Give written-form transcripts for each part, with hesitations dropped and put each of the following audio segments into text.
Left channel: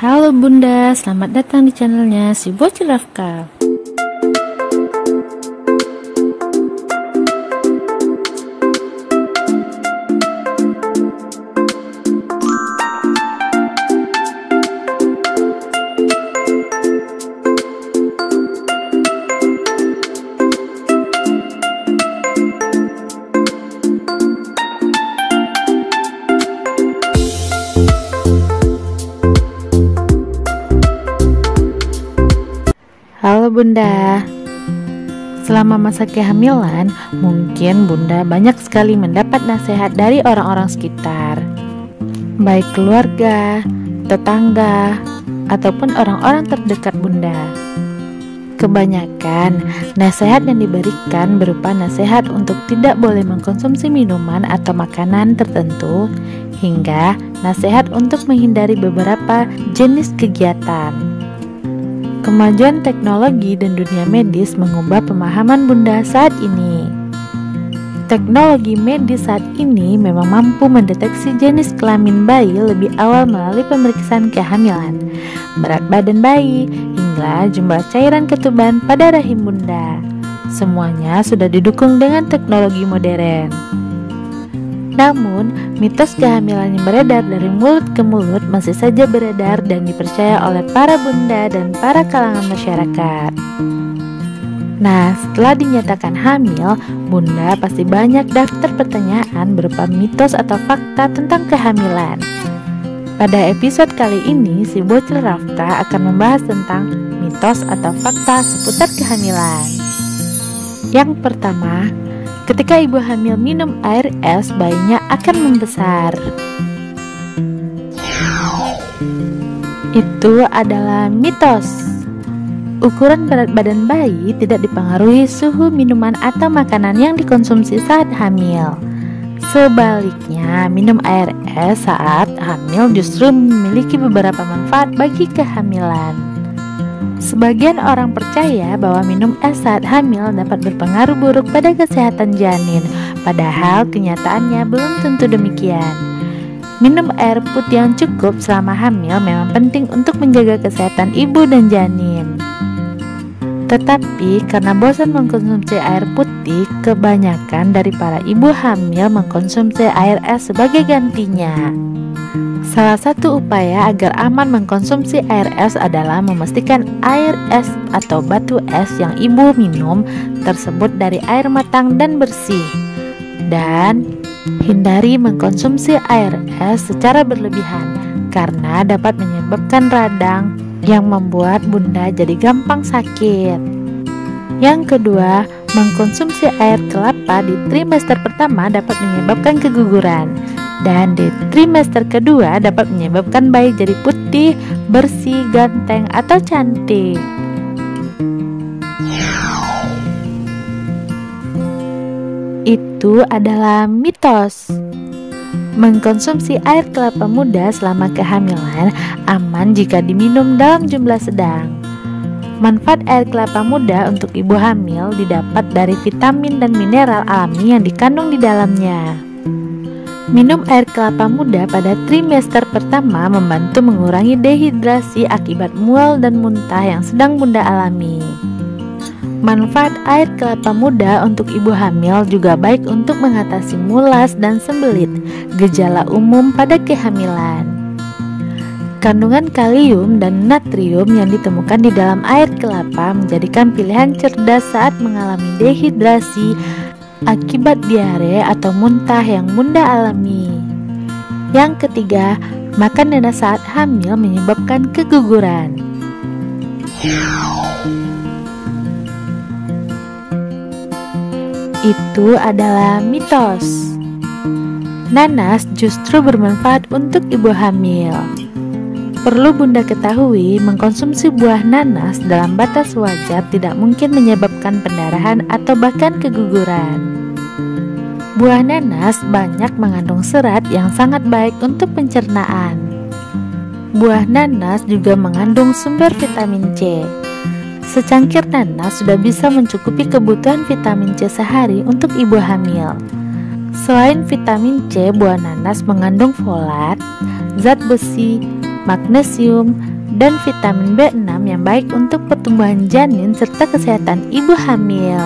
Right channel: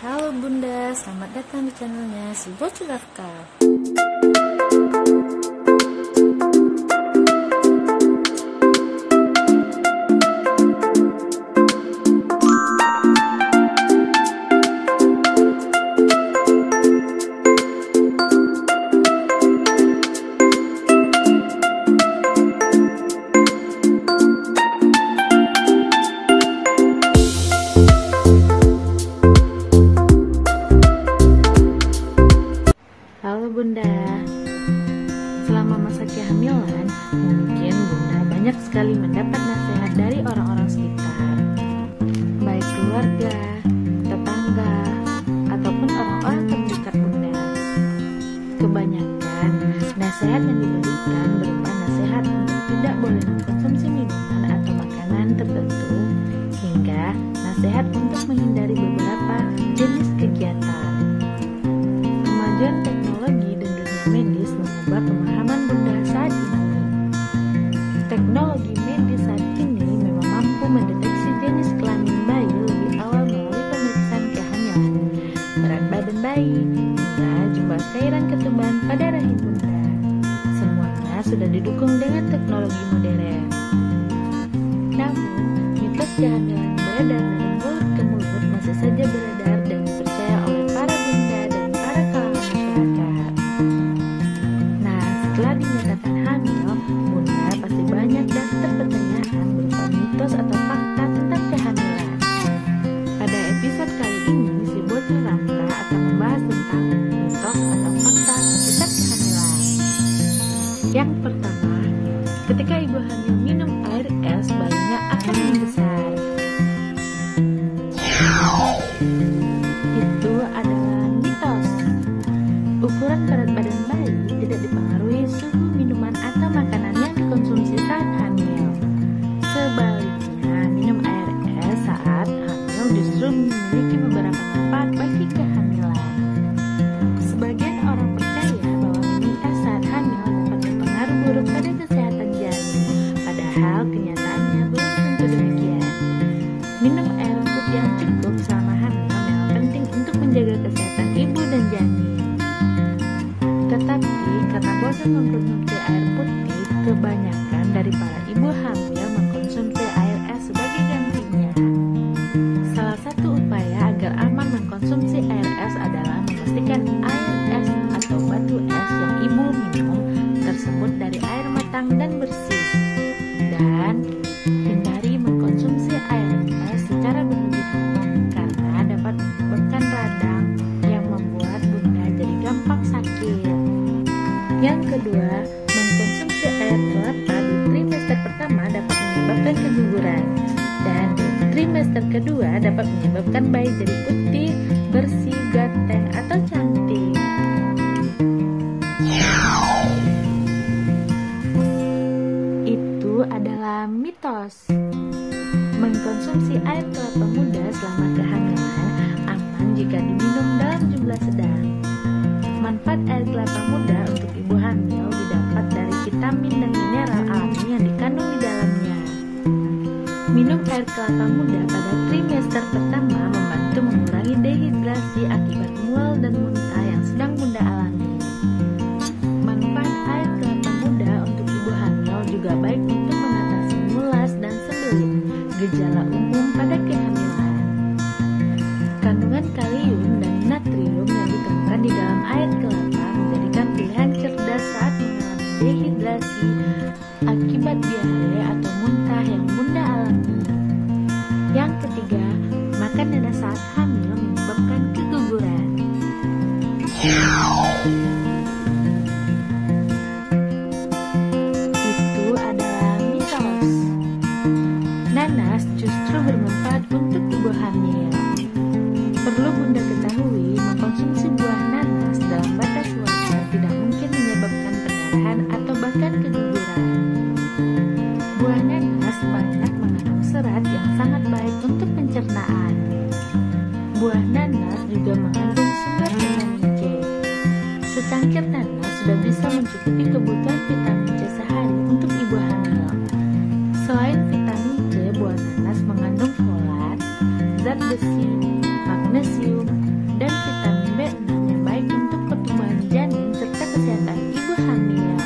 Halo Bunda, selamat datang di channelnya si Bocil Rafka. Halo Bunda, selama masa kehamilan mungkin Bunda banyak sekali mendapat nasihat dari orang-orang sekitar, baik keluarga, tetangga, ataupun orang-orang terdekat Bunda. Kebanyakan nasihat yang diberikan berupa nasihat untuk tidak boleh mengkonsumsi minuman atau makanan tertentu, hingga nasihat untuk menghindari beberapa jenis kegiatan. Kemajuan teknologi dan dunia medis mengubah pemahaman Bunda saat ini. Teknologi medis saat ini memang mampu mendeteksi jenis kelamin bayi lebih awal melalui pemeriksaan kehamilan, berat badan bayi, hingga jumlah cairan ketuban pada rahim Bunda. Semuanya sudah didukung dengan teknologi modern. Namun, mitos kehamilan yang beredar dari mulut ke mulut masih saja beredar dan dipercaya oleh para bunda dan para kalangan masyarakat. Nah, setelah dinyatakan hamil, Bunda pasti banyak daftar pertanyaan berupa mitos atau fakta tentang kehamilan. Pada episode kali ini, si Bocil Rafka akan membahas tentang mitos atau fakta seputar kehamilan. Yang pertama, ketika ibu hamil minum air es, bayinya akan membesar. Itu adalah mitos. Ukuran berat badan bayi tidak dipengaruhi suhu minuman atau makanan yang dikonsumsi saat hamil. Sebaliknya, minum air es saat hamil justru memiliki beberapa manfaat bagi kehamilan. Sebagian orang percaya bahwa minum es saat hamil dapat berpengaruh buruk pada kesehatan janin, padahal kenyataannya belum tentu demikian. Minum air putih yang cukup selama hamil memang penting untuk menjaga kesehatan ibu dan janin. Tetapi karena bosan mengkonsumsi air putih, kebanyakan dari para ibu hamil mengkonsumsi air es sebagai gantinya. Salah satu upaya agar aman mengkonsumsi air es adalah memastikan air es atau batu es yang ibu minum tersebut dari air matang dan bersih. Dan hindari mengkonsumsi air es secara berlebihan karena dapat menyebabkan radang yang membuat Bunda jadi gampang sakit. Yang kedua, mengkonsumsi air kelapa di trimester pertama dapat menyebabkan keguguran. Dan di trimester kedua dapat menyebabkan bayi jadi putih, bersih, ganteng, atau cantik. Itu adalah mitos. Mengkonsumsi air kelapa muda selama kehamilan aman jika diminum dalam jumlah sedang. Manfaat air kelapa muda untuk ibu hamil didapat dari vitamin dan mineral alami yang dikandung di dalamnya. Minum air kelapa muda pada trimester pertama membantu mengurangi dehidrasi akibat mual dan muntah yang sedang Bunda alami. Manfaat air kelapa muda untuk ibu hamil juga baik untuk mengatasi mulas dan sembelit, gejala umum pada kehamilan. Kandungan kalium dan natrium yang ditemukan di dalam air kelapa menjadikan pilihan cerdas saat mengalami dehidrasi akibat diare atau muntah yang Bunda alami. Yang ketiga, makan nanas saat hamil menyebabkan keguguran. Itu adalah mitos. Nanas justru bermanfaat untuk ibu hamil. Perlu Bunda ketahui, mengkonsumsi buah nanas dalam batas wajar tidak mungkin menyebabkan pendarahan atau bahkan keguguran. Buah nanas banyak mengandung serat yang sangat baik untuk pencernaan. Buah nanas juga mengandung sumber vitamin C. Secangkir nanas sudah bisa mencukupi kebutuhan vitamin C sehari untuk ibu hamil. Selain vitamin C, buah nanas mengandung folat, zat besi, magnesium, dan vitamin B6 yang baik untuk pertumbuhan janin serta kesehatan ibu hamil.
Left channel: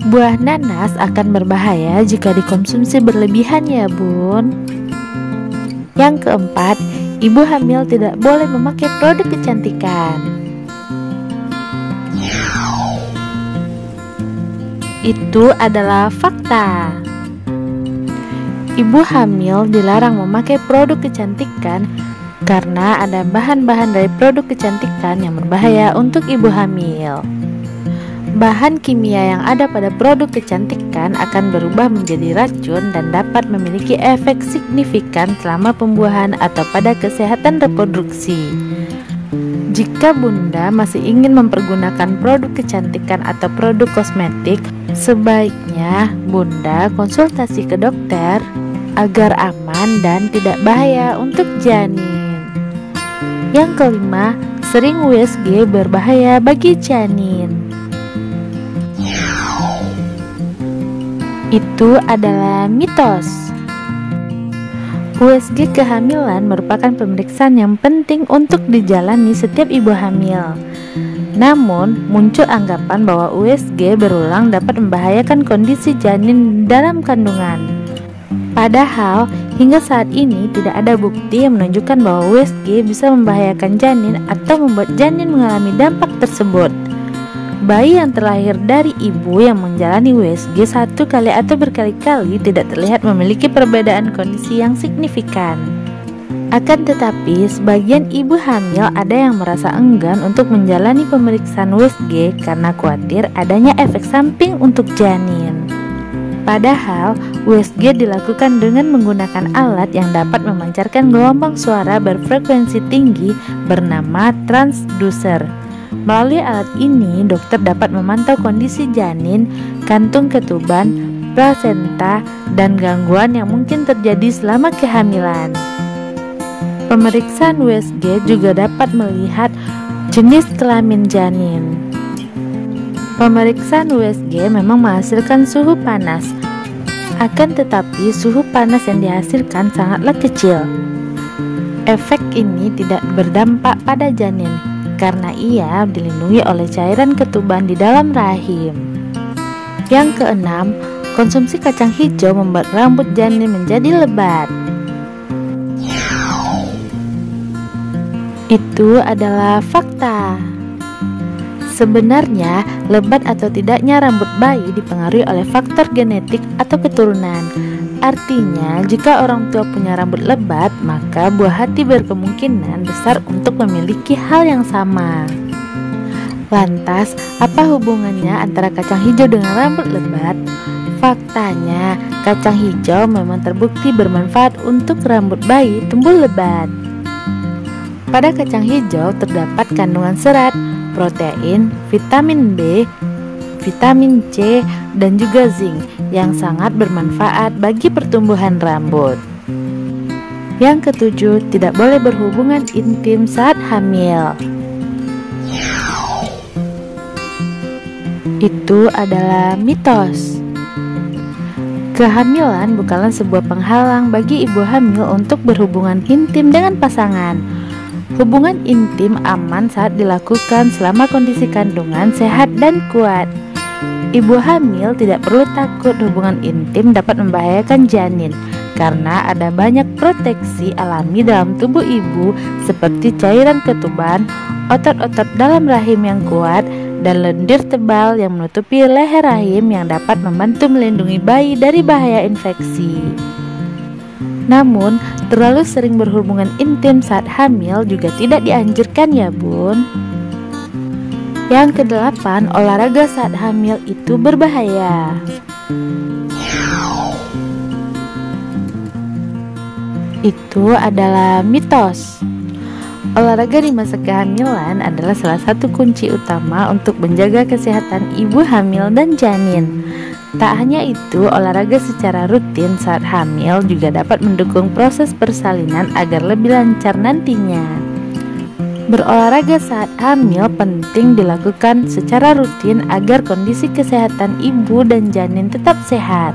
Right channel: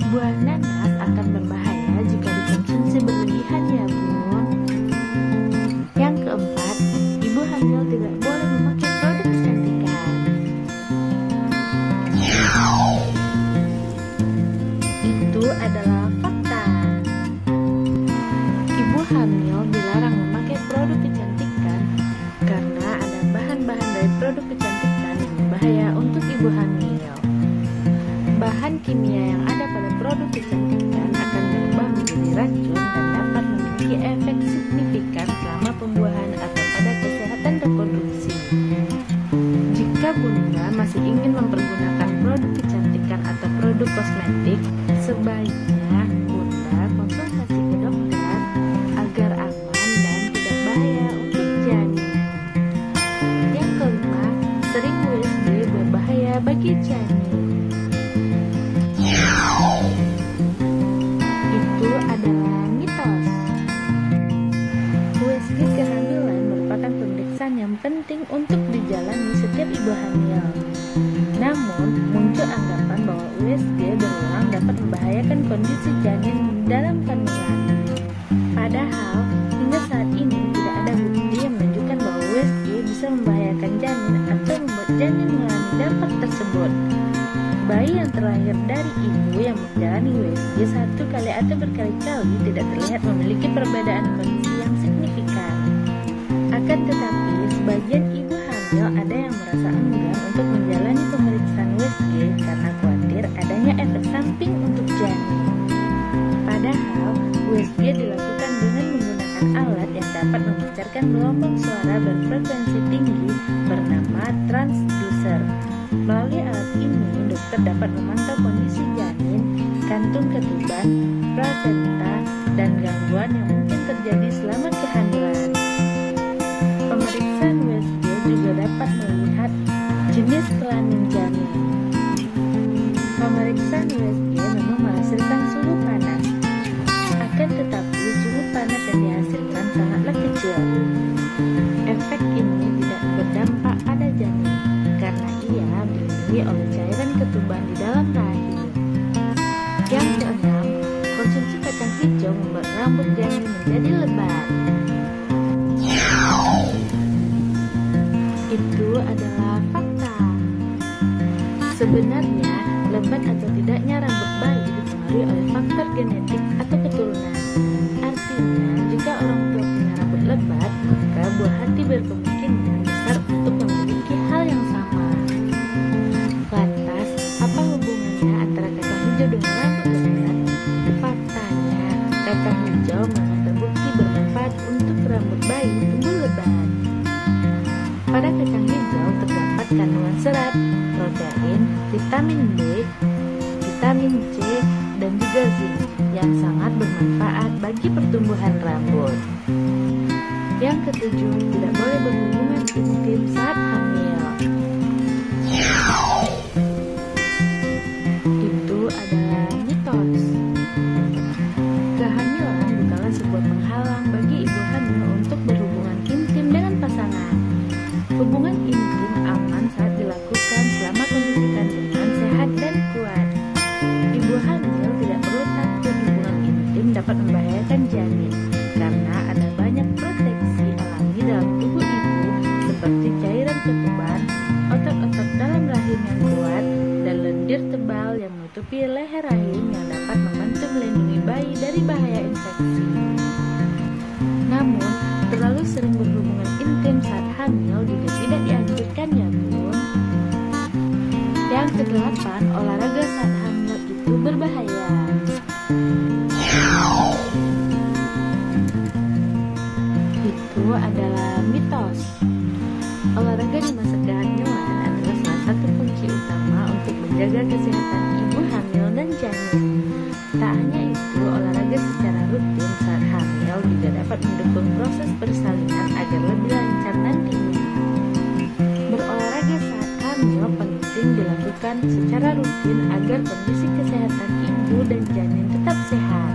Buah nanas akan berbahaya jika dikonsumsi berlebihan ya bun. Yang keempat, ibu hamil tidak boleh memakai produk kecantikan. Itu adalah fakta. Ibu hamil dilarang memakai produk kecantikan karena ada bahan-bahan dari produk kecantikan yang berbahaya untuk ibu hamil. Bahan kimia yang ada pada produk kecantikan akan berubah menjadi racun dan dapat memiliki efek signifikan selama pembuahan atau pada kesehatan reproduksi. Jika Bunda masih ingin mempergunakan produk kecantikan atau produk kosmetik, sebaiknya Bunda konsultasi ke dokter agar aman dan tidak bahaya untuk janin. Yang kelima, sering USG berbahaya bagi janin. Itu adalah mitos. USG kehamilan merupakan pemeriksaan yang penting untuk dijalani setiap ibu hamil. Namun, muncul anggapan bahwa USG berulang dapat membahayakan kondisi janin dalam kandungan. Padahal, hingga saat ini tidak ada bukti yang menunjukkan bahwa USG bisa membahayakan janin atau membuat janin mengalami dampak tersebut. Bayi yang terlahir dari ibu yang menjalani USG satu kali atau berkali-kali tidak terlihat memiliki perbedaan kondisi yang signifikan. Akan tetapi, sebagian ibu hamil ada yang merasa enggan untuk menjalani pemeriksaan USG karena khawatir adanya efek samping untuk janin. Padahal, USG dilakukan dengan menggunakan alat yang dapat memancarkan gelombang suara berfrekuensi tinggi bernama transducer. Melalui alat ini, dokter dapat memantau kondisi janin, kantung ketuban, plasenta, dan gangguan yang mungkin terjadi selama kehamilan. Pemeriksaan USG juga dapat melihat jenis kelamin janin. Pemeriksaan USG memang menghasilkan suhu panas, akan tetapi suhu panas yang dihasilkan sangatlah kecil. Efek ini tidak berdampak pada janin karena ia dilindungi oleh cairan ketuban di dalam rahim. Yang keenam, konsumsi kacang hijau membuat rambut janin menjadi lebat. Itu adalah fakta. Sebenarnya, lebat atau tidaknya rambut bayi dipengaruhi oleh faktor genetik atau keturunan. Artinya, jika orang tua punya rambut lebat, maka buah hati berkemungkinan besar untuk memiliki hal yang sama. Lantas, apa hubungannya antara kacang hijau dengan rambut lebat? Faktanya, kacang hijau memang terbukti bermanfaat untuk rambut bayi tumbuh lebat. Pada kacang hijau terdapat kandungan serat, protein, vitamin B, vitamin C, dan juga zinc yang sangat bermanfaat bagi pertumbuhan rambut. Yang ketujuh, tidak boleh berhubungan intim saat hamil. Itu adalah mitos. Kehamilan bukanlah sebuah penghalang bagi ibu hamil untuk berhubungan intim dengan pasangan. Hubungan intim aman saat dilakukan selama kondisi kandungan sehat dan kuat. Ibu hamil tidak perlu takut hubungan intim dapat membahayakan janin karena ada banyak proteksi alami dalam tubuh ibu seperti cairan ketuban, otot-otot dalam rahim yang kuat, dan lendir tebal yang menutupi leher rahim yang dapat membantu melindungi bayi dari bahaya infeksi. Namun, terlalu sering berhubungan intim saat hamil juga tidak dianjurkan ya bun. Yang kedelapan, olahraga saat hamil itu berbahaya. Itu adalah mitos. Olahraga di masa kehamilan adalah salah satu kunci utama untuk menjaga kesehatan ibu hamil dan janin. Tak hanya itu, olahraga secara rutin saat hamil juga dapat mendukung proses persalinan agar lebih lancar nantinya. Berolahraga saat hamil penting dilakukan secara rutin agar kondisi kesehatan ibu dan janin tetap sehat.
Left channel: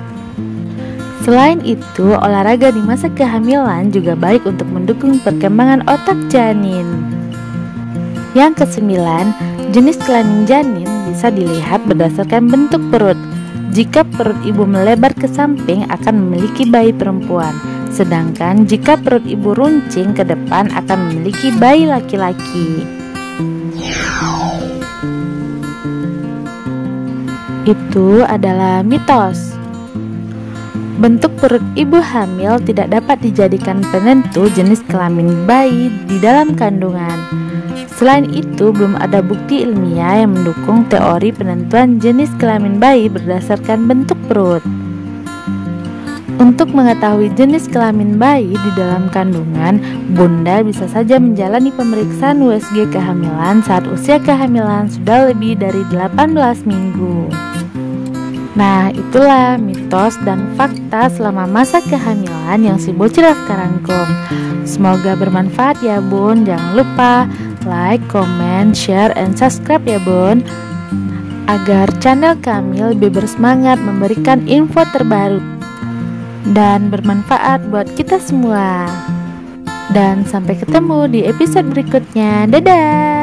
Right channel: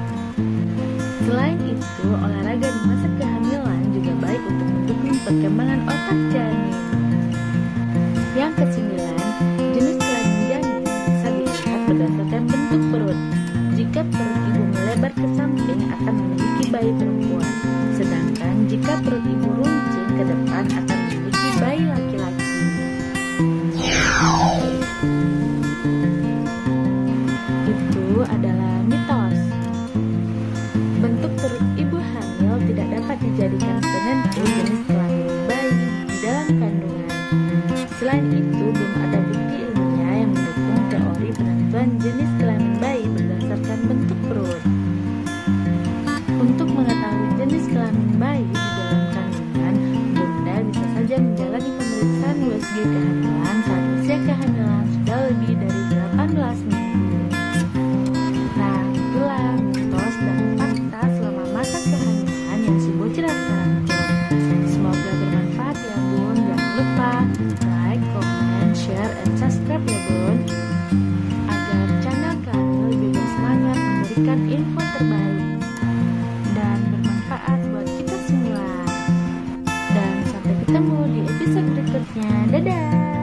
Selain itu, olahraga di masa kehamilan juga baik untuk mendukung perkembangan otak janin. Yang kesembilan, jenis kelamin janin bisa dilihat berdasarkan bentuk perut. Jika perut ibu melebar ke samping akan memiliki bayi perempuan, sedangkan jika perut ibu runcing ke depan akan memiliki bayi laki-laki. Itu adalah mitos. Bentuk perut ibu hamil tidak dapat dijadikan penentu jenis kelamin bayi di dalam kandungan. Selain itu, belum ada bukti ilmiah yang mendukung teori penentuan jenis kelamin bayi berdasarkan bentuk perut. Untuk mengetahui jenis kelamin bayi di dalam kandungan, bunda bisa saja menjalani pemeriksaan USG kehamilan saat usia kehamilan sudah lebih dari 18 minggu. Nah, itulah mitos dan fakta selama masa kehamilan yang si bocil Laskar rangkum. Semoga bermanfaat ya bun. Jangan lupa like, comment, share, and subscribe ya bun, agar channel kami lebih bersemangat memberikan info terbaru dan bermanfaat buat kita semua. Dan sampai ketemu di episode berikutnya. Dadah.